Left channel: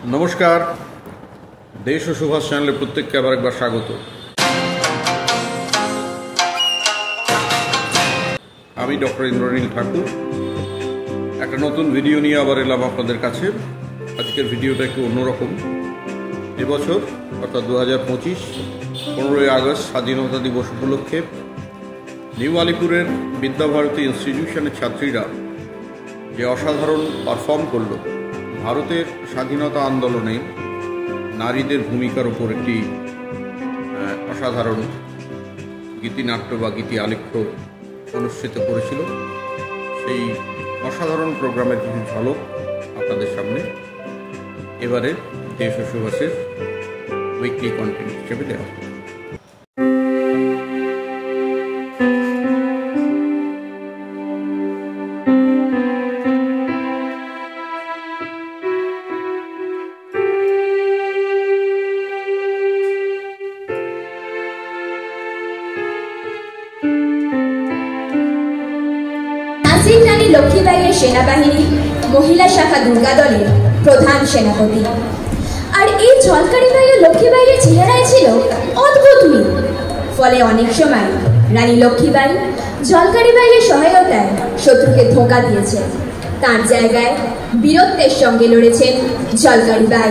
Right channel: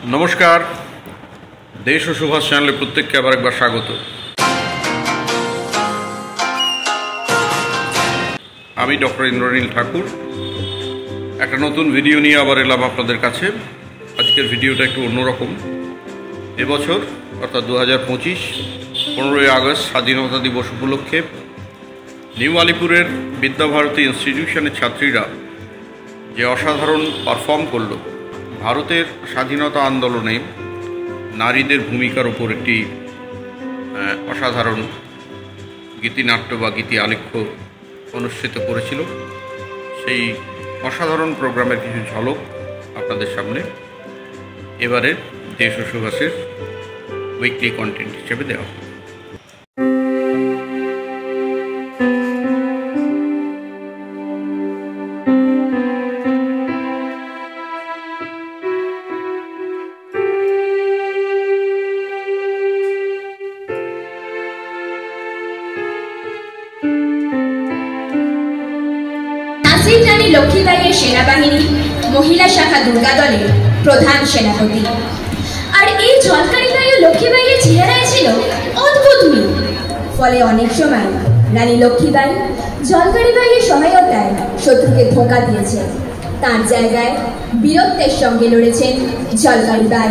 नमस्कार देश और सुभाष चैनल प्रत्येक के आबार एक बार स्वागत। आमी डॉक्टर इंद्रनील ठाकुर एक नतून भिडियो निये आबार एलाम आपनादेर काछे। आजकेर भिडियोटा एकटु अन्यरकम। এবছর অর্থাৎ 2025 15 আগস্ট স্বাধীনতা দিবস উপলক্ষে নিউ আলিপুরের বিদ্যাভারতী ইনস্টিটিউশনের ছাত্রীরা যে অসাধারণ পারফর্ম করলো ভারতের স্বাধীনতা আন্দোলনে নারীদের ভূমিকার উপর একটি অসাধারণ গীতিনাট্য বা গীতি আলেখ্য অনুষ্ঠিত করেছিল। সেই অসাধারণ প্রোগ্রামের কিছু ঝলক আপনাদের সামনে এবারে দেশ ও সুভাষের উইকলি কন্টেন্ট হিসেবে দেওয়া হবে। রানী লক্ষ্মীবাইয়ের সেনাবাহিনী মহিলা শাখা দুর্গা দলের প্রধান সেনাপতি। আর এই ঝলকারিবাই ও লক্ষ্মীবাইয়ের চেহারায় ছিল অদ্ভুত মিল। ফলে অনেক সময় রানী লক্ষ্মীবাই ঝলকারিবাইয়ের সহায়তায় শত্রুকে ধোঁকা দিয়েছে। তার জায়গায় বীরত্বের সঙ্গে লড়েছেন ঝলকারিবাই।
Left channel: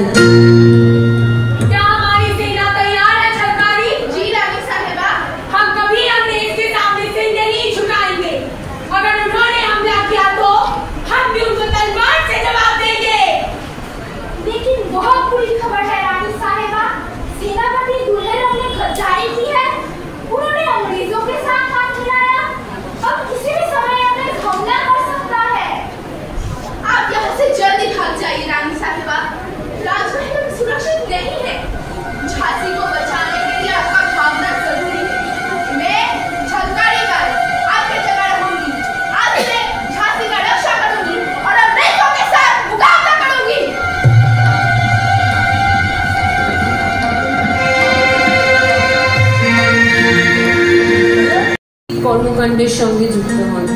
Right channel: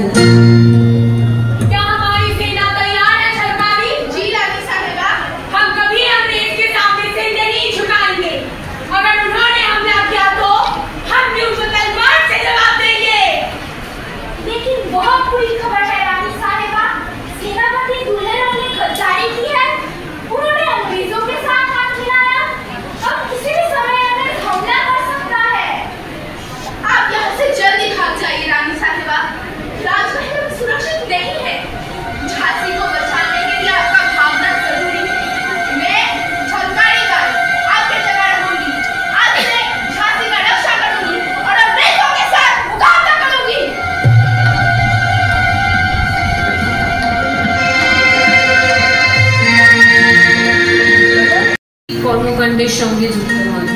কর্মকাণ্ডের সঙ্গে যুক্ত হন।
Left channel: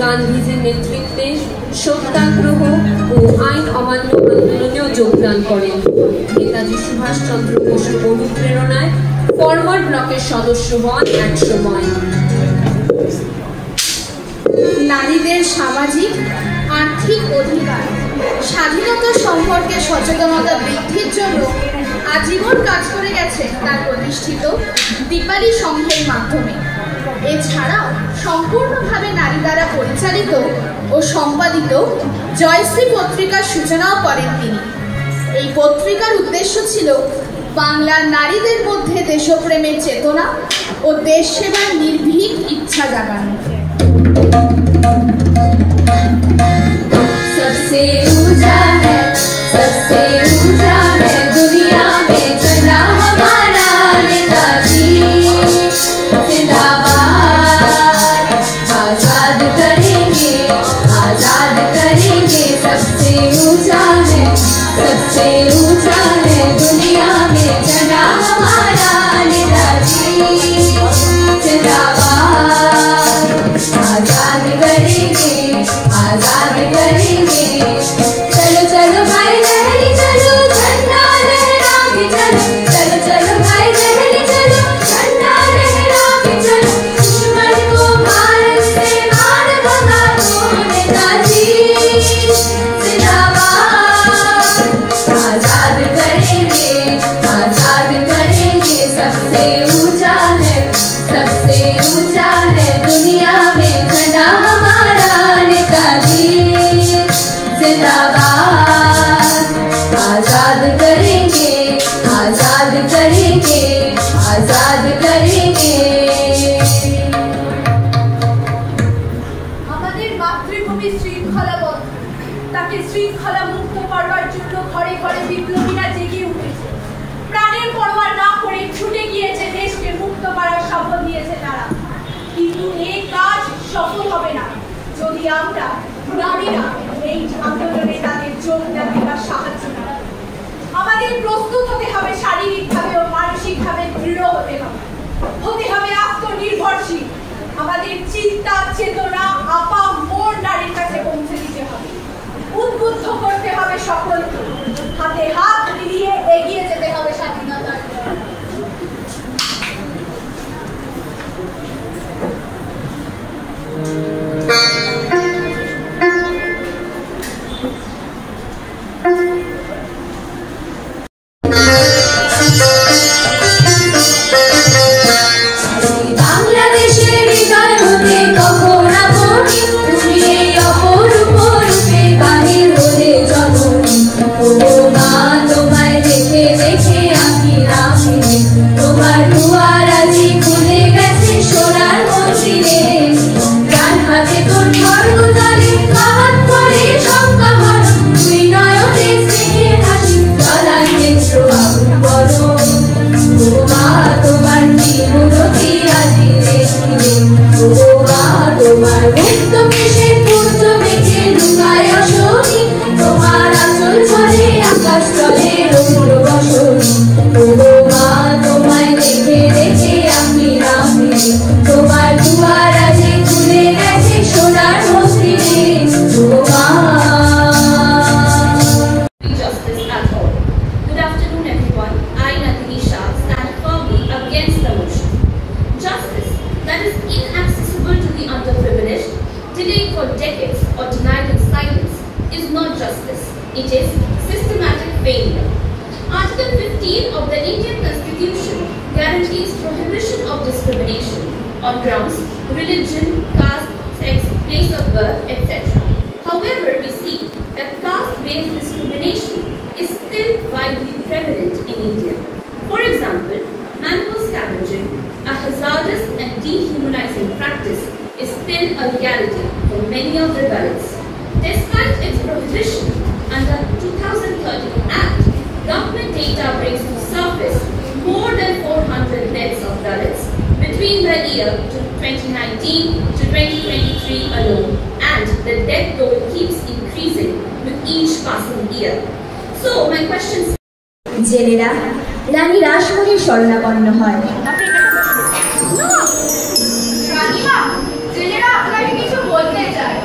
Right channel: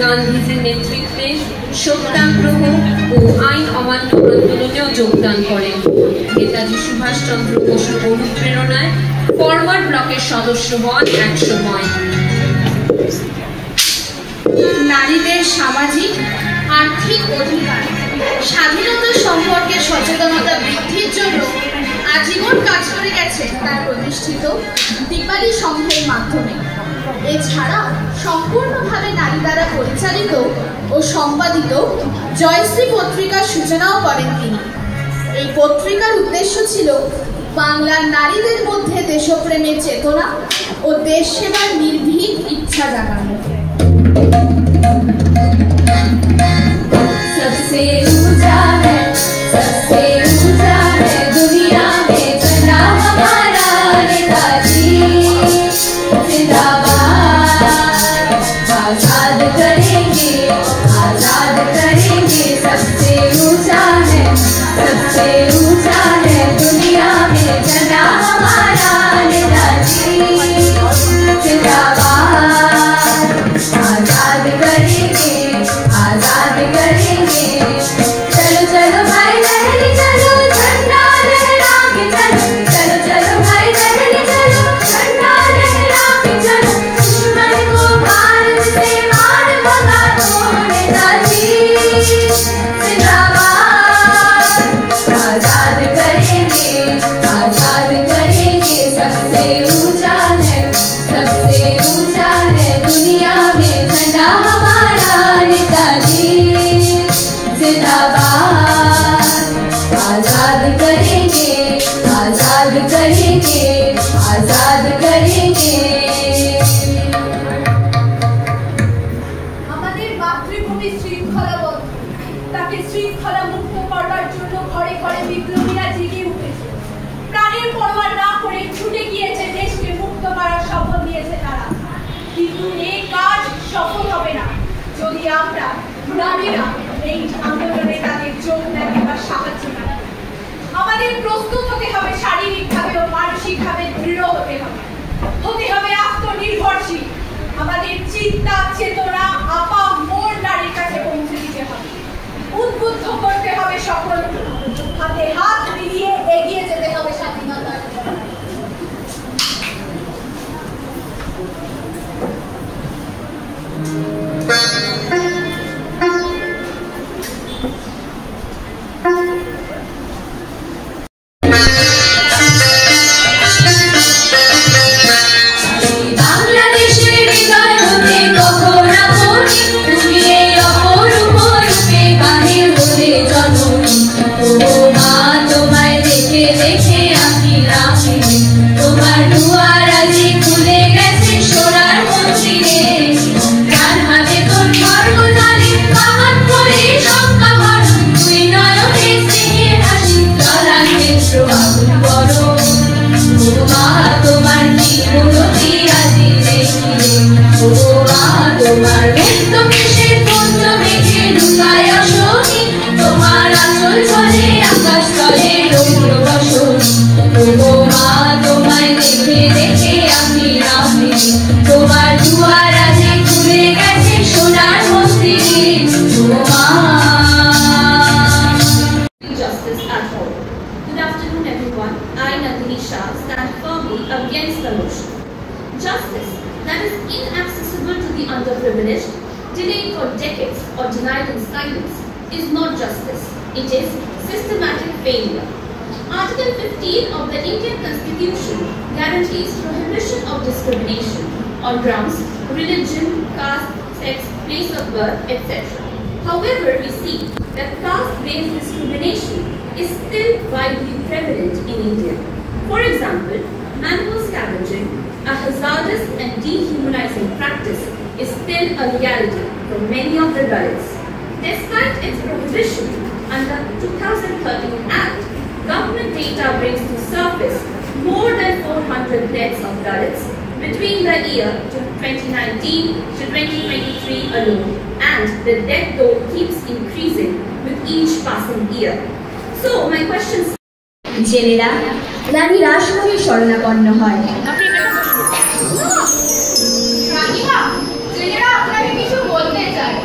গান্ধীজির নেতৃত্বে সত্যাগ্রহ ও আইন অমান্য আন্দোলনেও যোগদান করেন। নেতাজি সুভাষচন্দ্র বসুর অনুপ্রেরণায় ফরওয়ার্ড ব্লকের সদস্য হন এক সময়। নারীদের সামাজিক আর্থিক অধিকার স্বাধীনতা সম্পর্কে সচেতনতা বৃদ্ধির জন্য আজীবন কাজ করে গেছে তার প্রতিষ্ঠিত দীপালি সংঘের মাধ্যমে। এছাড়াও সম্পূর্ণভাবে নারী দ্বারা পরিচালিত ও সম্পাদিত জয়শ্রী পত্রিকার সূচনাও করেন তিনি। এই পত্রিকার উদ্দেশ্য ছিল বাংলার নারীদের মধ্যে দেশপ্রেমের চেতনা ও দেশ সেবার নির্ভীক ইচ্ছা জাগানো। सबसे ऊंचा है सबसे ऊंचा है दुनिया में चला हमारा नेताजी जिंदाबाद। आजाद करेंगे सबसे ऊंचा है दुनिया में चला हमारा नेताजी जिंदाबाद। आजाद करेंगे चलो चलो भाई लहरी चलो झंडा लहरा के चलो चलो चलो भाई लहरी चलो झंडा लहरा के चलो दुश्मन को भारत से मार भगाओ नेताजी जिंदाबाद। आजाद करेंगे सबसे ऊंचा है दुनिया में झंडा हमारा नेताजी जिंदाबाद। आजाद करेंगे আমাদের মাতৃভূমি শৃঙ্খলাবদ্ধ, তাকে শৃঙ্খলা মুক্ত করবার জন্য ঘরে ঘরে বিপ্লবীরা জেগে উঠেছে। প্রাণের পরোয়া না করে ছুটে গিয়েছে দেশকে মুক্ত করার শপথ নিয়েছে তারা। কিন্তু এই কাজ সফল হবে না যদি আমরা নারীরা এই আন্দোলনে তাদের যোগদান বা সাহায্য না। আমাদের প্রস্তুত হতে হবে, শারীরিকভাবে ও মানসিকভাবে দৃঢ় হতে হবে আত্মনির্ভরশীল। আমাদের চিন্তা চেতনা আপা মোর নারীর কাছে পৌঁছে দিতে হবে। উদ্বুদ্ধ করতে হবে সকলকে, হাতে হাত মিলিয়ে এগিয়ে যেতে হবে স্বাধীনতার। Delayed for decades or denied in silence is not justice. It is systematic failure. Article 15 of the Indian Constitution guarantees prohibition of discrimination on grounds religion, caste, sex, place of birth, etc. However, we see that caste-based discrimination is still widely prevalent in India. For example, animal scavenging, a hazardous and dehumanizing practice, is still a reality for many of the Dalits. Despite its prohibition under 2013 Act, government data brings to surface more than 400 deaths of Dalits between the year 2019 to 2023 alone, and the death toll keeps increasing with each passing year. So, my question is, জেলেরা রানী রাসমণির শরণাপন্ন হয়। রানীমা, জেলেরা আপনাকে কিছু বলতে চায়।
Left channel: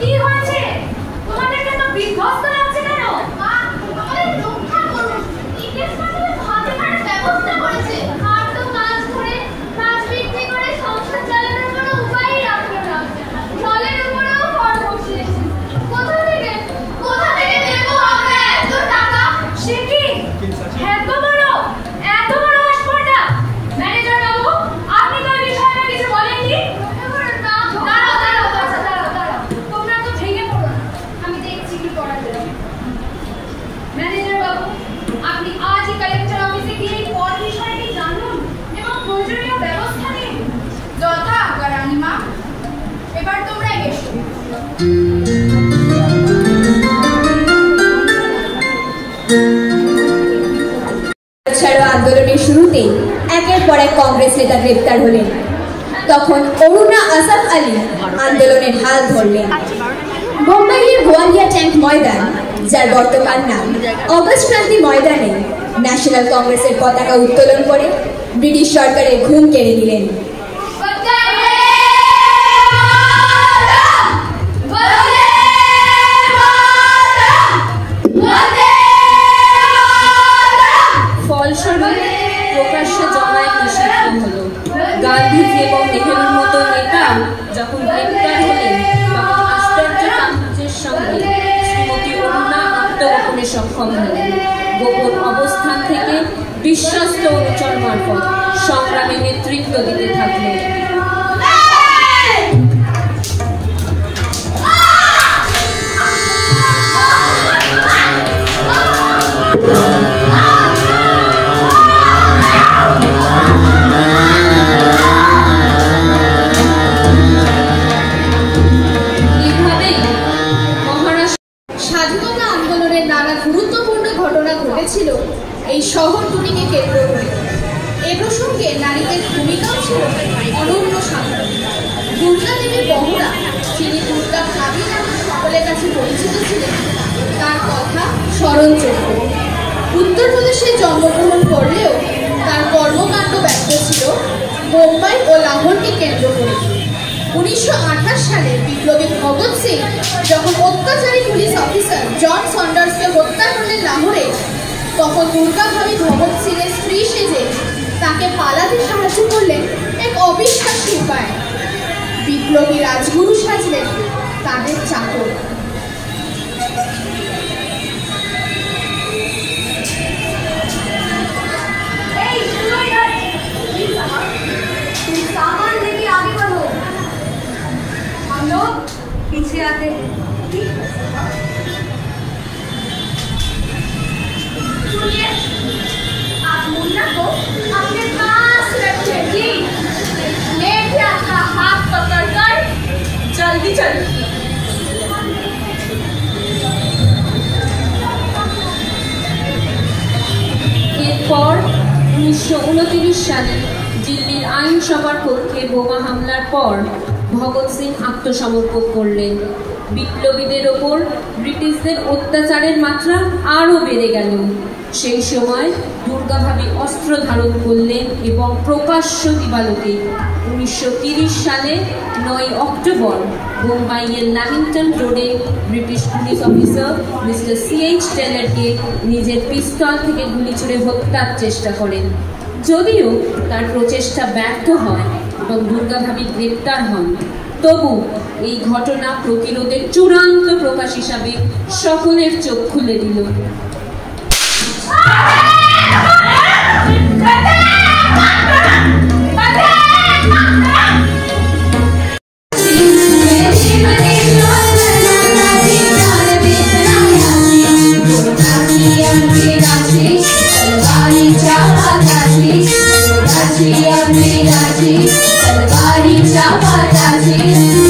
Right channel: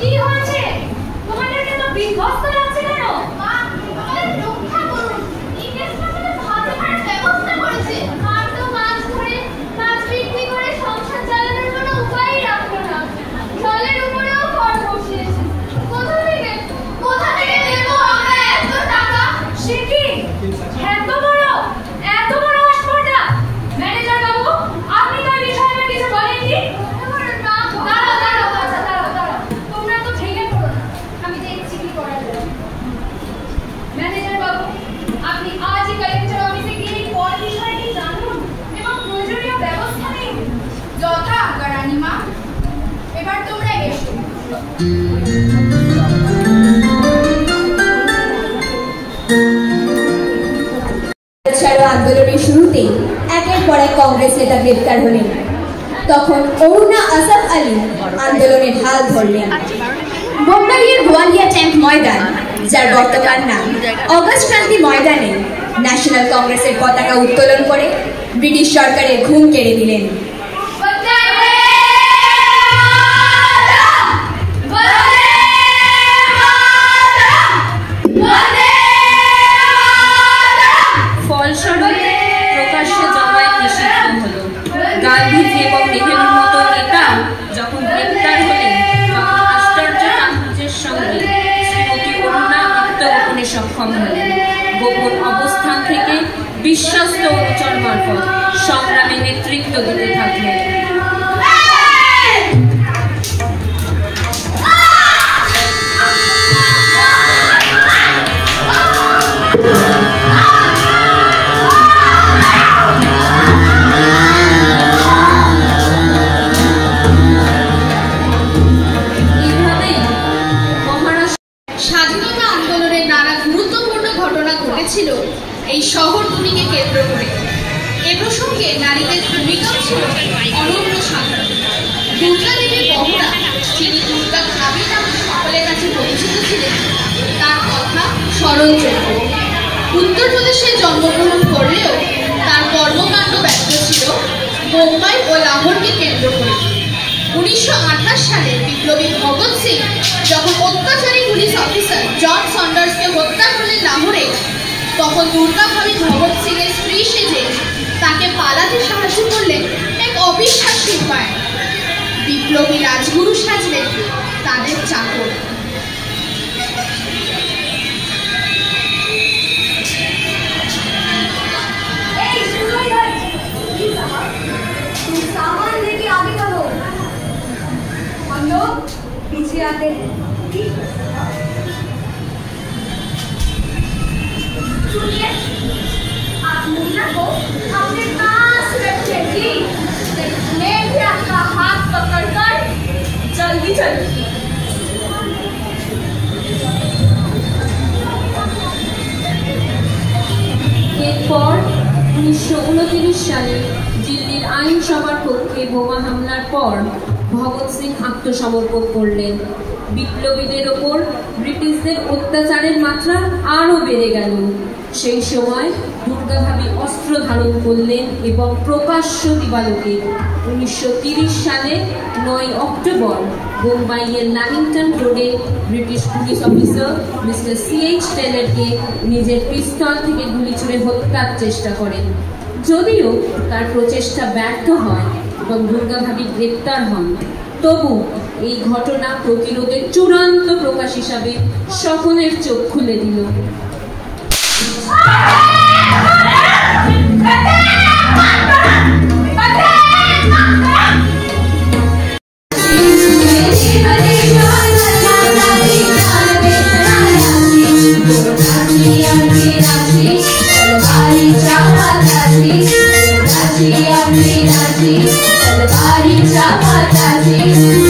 কি হয়েছে? তোমাদেরকে তো বিধ্বস্ত লাগছে কেন? রক্ষা করুন, ইংরেজ আমাদের ভাতে মারার ব্যবস্থা করেছে। আর তো মাছ ধরে মাছ বিক্রি করে সংসার চালানোর কোনো উপায়ই রাখবে না। জলের উপরেও কর বসিয়েছে। কোথা থেকে দেবো আমরা এত টাকা? সে কি? এত বড় আসপর্দা! ম্যানেজার বাবু, আপনি তো এই বিষয়ে কিছু বলেননি? দাঁড়াও, তোমরা তো ভেঙে পড়ো না, আমি দেখছি কি করা যায়। ম্যানেজার বাবু, আপনি আজই কালেক্টর অফিসে গিয়ে কর বিষয়টি জানুন এবং প্রয়োজনীয় ব্যবস্থা নিন। যথা আজ্ঞা রানীমা। এবার তোমরা এসো। আন্দোলনের শুরুতেই একের পর এক কংগ্রেস নেতা গ্রেপ্তার হলেন। তখন অরুণা আসাফ আলী আন্দোলনের হাল ধরলেন। বোম্বাইয়ের গোয়ালিয়া ট্যাঙ্ক ময়দান, যার বর্তমান নাম অগস্ট ক্রান্তি ময়দানে, ন্যাশনাল কংগ্রেসের পতাকা উত্তোলন করে ব্রিটিশ সরকারের ঘুম কেড়ে দিলেন। ফলস্বরূপ প্রকাশ্যে জমায়েত নিষিদ্ধ হলো। গান্ধীজি এবং নেহেরুর মতো নেতা যখন গ্রেপ্তার হলেন, তখন আশ্চর্য গাম্ভীর্যের সঙ্গে শ্রীমতী অরুণা আত্মগোপনে সক্ষম হলেন। গোপন অবস্থান থেকে বিশ্বস্ত অনুচর মারফত সংগ্রামে নেতৃত্ব দিতে থাকলেন। স্বাধীনতা আন্দোলনের নানা গুরুত্বপূর্ণ ঘটনা ঘটেছিল এই শহরতলিকে কেন্দ্র করে। এ প্রসঙ্গে নারীদের ভূমিকাও ছিল অনন্য সাধারণ। দুর্গা দেবী বহরা, যিনি দুর্গা ভাবী নামে সকলের কাছে পরিচিত ছিলেন, তার কথা স্মরণযোগ্য। উত্তরপ্রদেশে জন্মগ্রহণ করলেও তার কর্মকাণ্ড ব্যস্ত ছিল বোম্বাই ও লাহোরকে কেন্দ্র করে। 1928 সালে যখন অত্যাচারী পুলিশ অফিসার জন সন্ডার্সকে হত্যা করলেন লাহোরে, তখন দুর্গা ভাবি ভগৎ সিং এর স্ত্রী সেজে তাকে পালাতে সাহায্য করলেন এক অবিশ্বাস্য উপায়। বিপ্লবী রাজগুরু সাজলেন তাদের চাকর। सामान लेके आगे बढ़ो, हम लोग पीछे आते हैं। सुनिए, आप मुन्ना को अपने पास रखिए जी। मैं भी आपका हाथ पकड़कर जल्दी चलूं। এরপর 1929 সালে দিল্লির আইনসভার পক্ষে বোমা হামলার পর ভগৎ সিং আত্মসমর্পণ করলেন। বিপ্লবীদের ওপর ব্রিটিশদের অত্যাচারের মাত্রা আরও বেড়ে গেল। সেই সময় দুর্গা ভাবি অস্ত্র ধারণ করলেন এবং প্রকাশ্য দিবালোকে 1930 সালে 9 অক্টোবর বোম্বাইয়ের ল্যামিংটন রোডে British police officer mister C.H. টেলরকে নিজের পিস্তল থেকে গুলি ছুড়ে হত্যার চেষ্টা করেন। যদিও তার প্রচেষ্টা ব্যর্থ হয় এবং দুর্গা ভাবি গ্রেপ্তার হন, তবু এই ঘটনা প্রতিরোধের চূড়ান্ত প্রকাশ হিসাবে সকলের চোখ খুলে দিল। Thank you.